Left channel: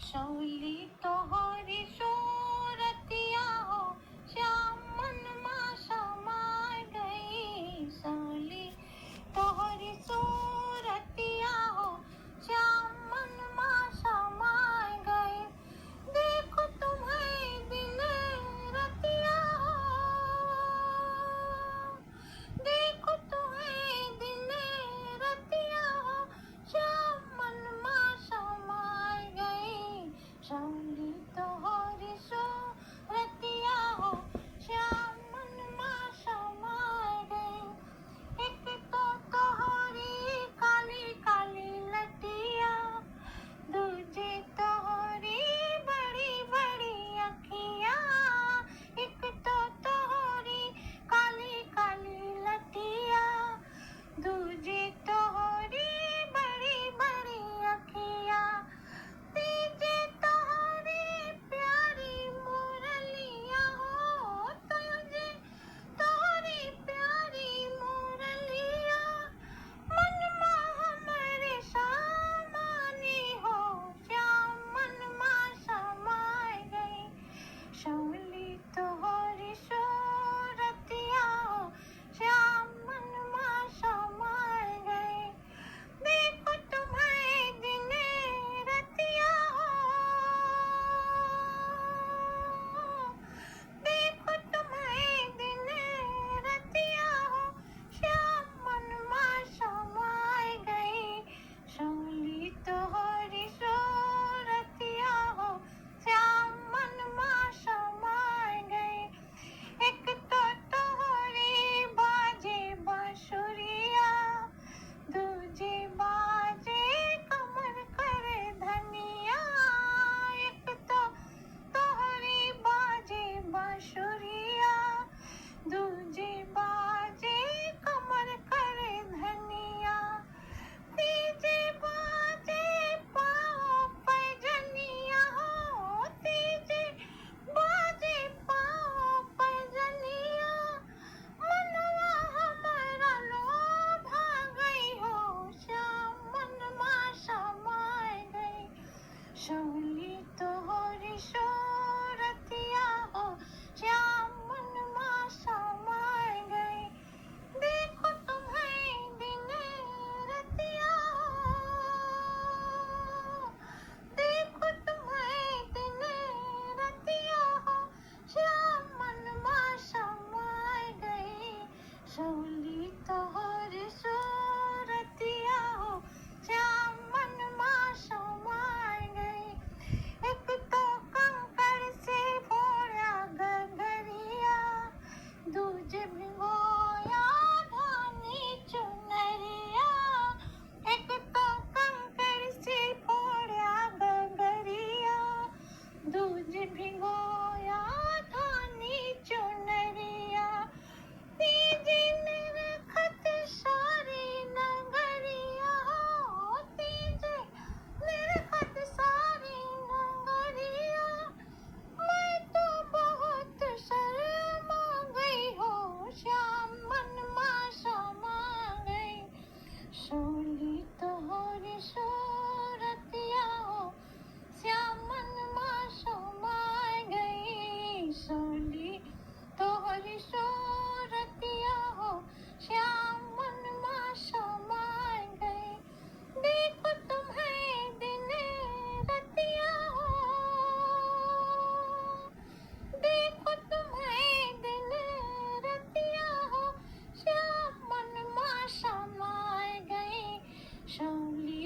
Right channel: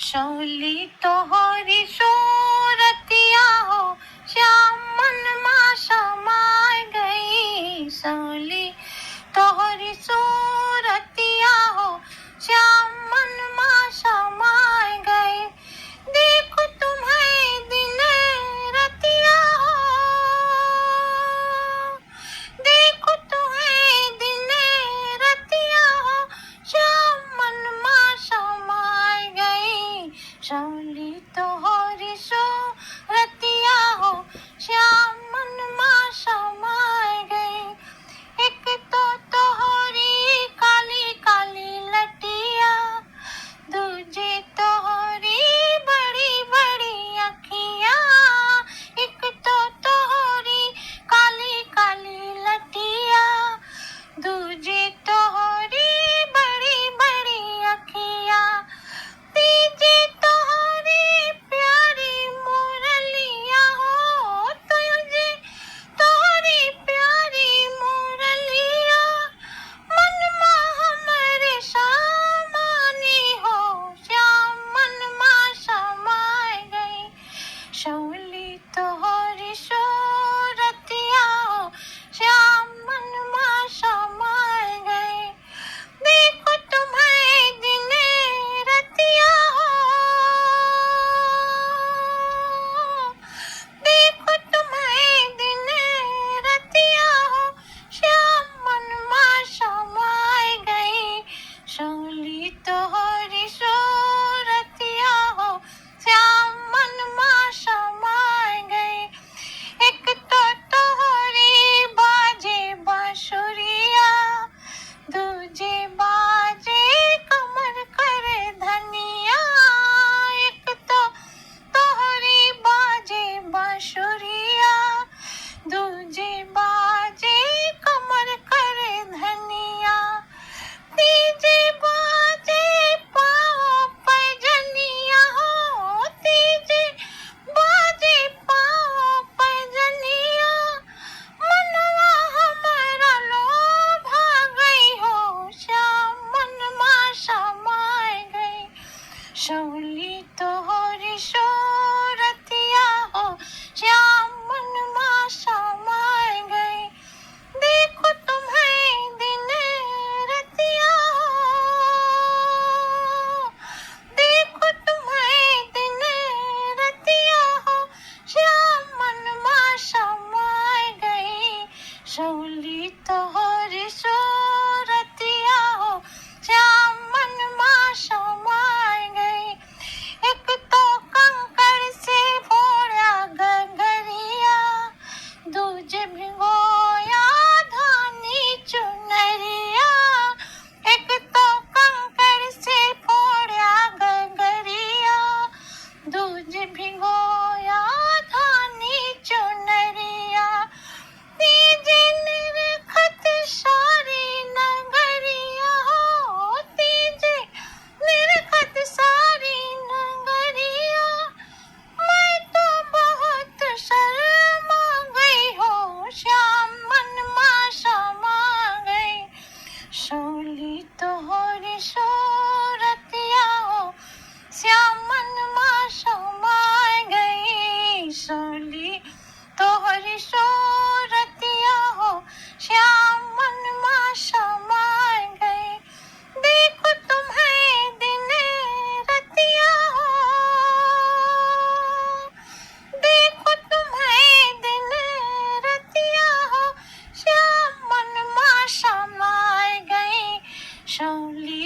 शौली तोहरी सूरतिया हो, श्याम मन मा समाय गई। शौली तोहरी सूरतिया हो, श्याम मन मा समाय गई। देखो तुम्हें दिन रतिया हो, देखो तुम्हें दिन रतिया हो, श्याम मन मा समाय गई। शौली तोहरी सूरतिया हो, श्याम मन मा समाय गई। एक तो तोहरी काली काली लटिया, दूजी तोहरी बड़ी बड़ी अखियाँ। एक तो तोहरी काली काली लटिया, दूजी तोहरी बड़ी बड़ी अखियाँ। तीजी तोहरी प्यारी मुरलिया हो, तुझे तोहरी प्यारी मुरलिया। मन मा हमरे समानी हो, श्याम मन मा समाय गई। शौली तोहरी सूरतिया हो, श्याम मन मा समाय गई। देखो तुम्हें दिन रतिया हो, देखो तुम्हें दिन रतिया हो, श्याम मन मा समाय गई। शौली तोहरी सूरतिया हो, श्याम मन मा समाय गई। एक तो तोहरी बाजे बांसुरिया, दूजे बाजे कमर करे धनिया। एक तो तोहरी बाजे बांसुरिया, दूजे बाजे कमर करे धनिया। तीजे बाजे पाँव पैजनिया हो, तीजे बाजे पाँव पैजनिया। मनवा हमारा लोभा गई हो, श्याम मन मा समाय गई। शौली तोहरी सूरतिया हो, श्याम मन मा समाय गई। देखो तुम्हें दिन रतिया हो, देखो तुम्हें दिन रतिया हो, श्याम मन मा समाय गई। शौली तोहरी सूरतिया हो, श्याम मन मा समाय गई। एक तो कंकड़ से फोड़ा गगरिया, दूजे भिगोया धानी चुनरिया। एक तो कंकड़ से फोड़ा गगरिया, दूजे भिगोया धानी चुनरिया। तीजे निरखत सारी नगरिया हो, तीजे निरखत सारी नगरिया। मैं तो बहुत शर्मा गई हो, श्याम मन मा समा गई। शौली तोहरी सूरतिया हो, श्याम मन मा समाय गई। शौली तोहरी सूरतिया हो, श्याम मन मा समाय गई। देखो तुम्हें दिन रतिया हो, देखो तुम्हें दिन रतिया हो, श्याम मन मा समाय गई। शौली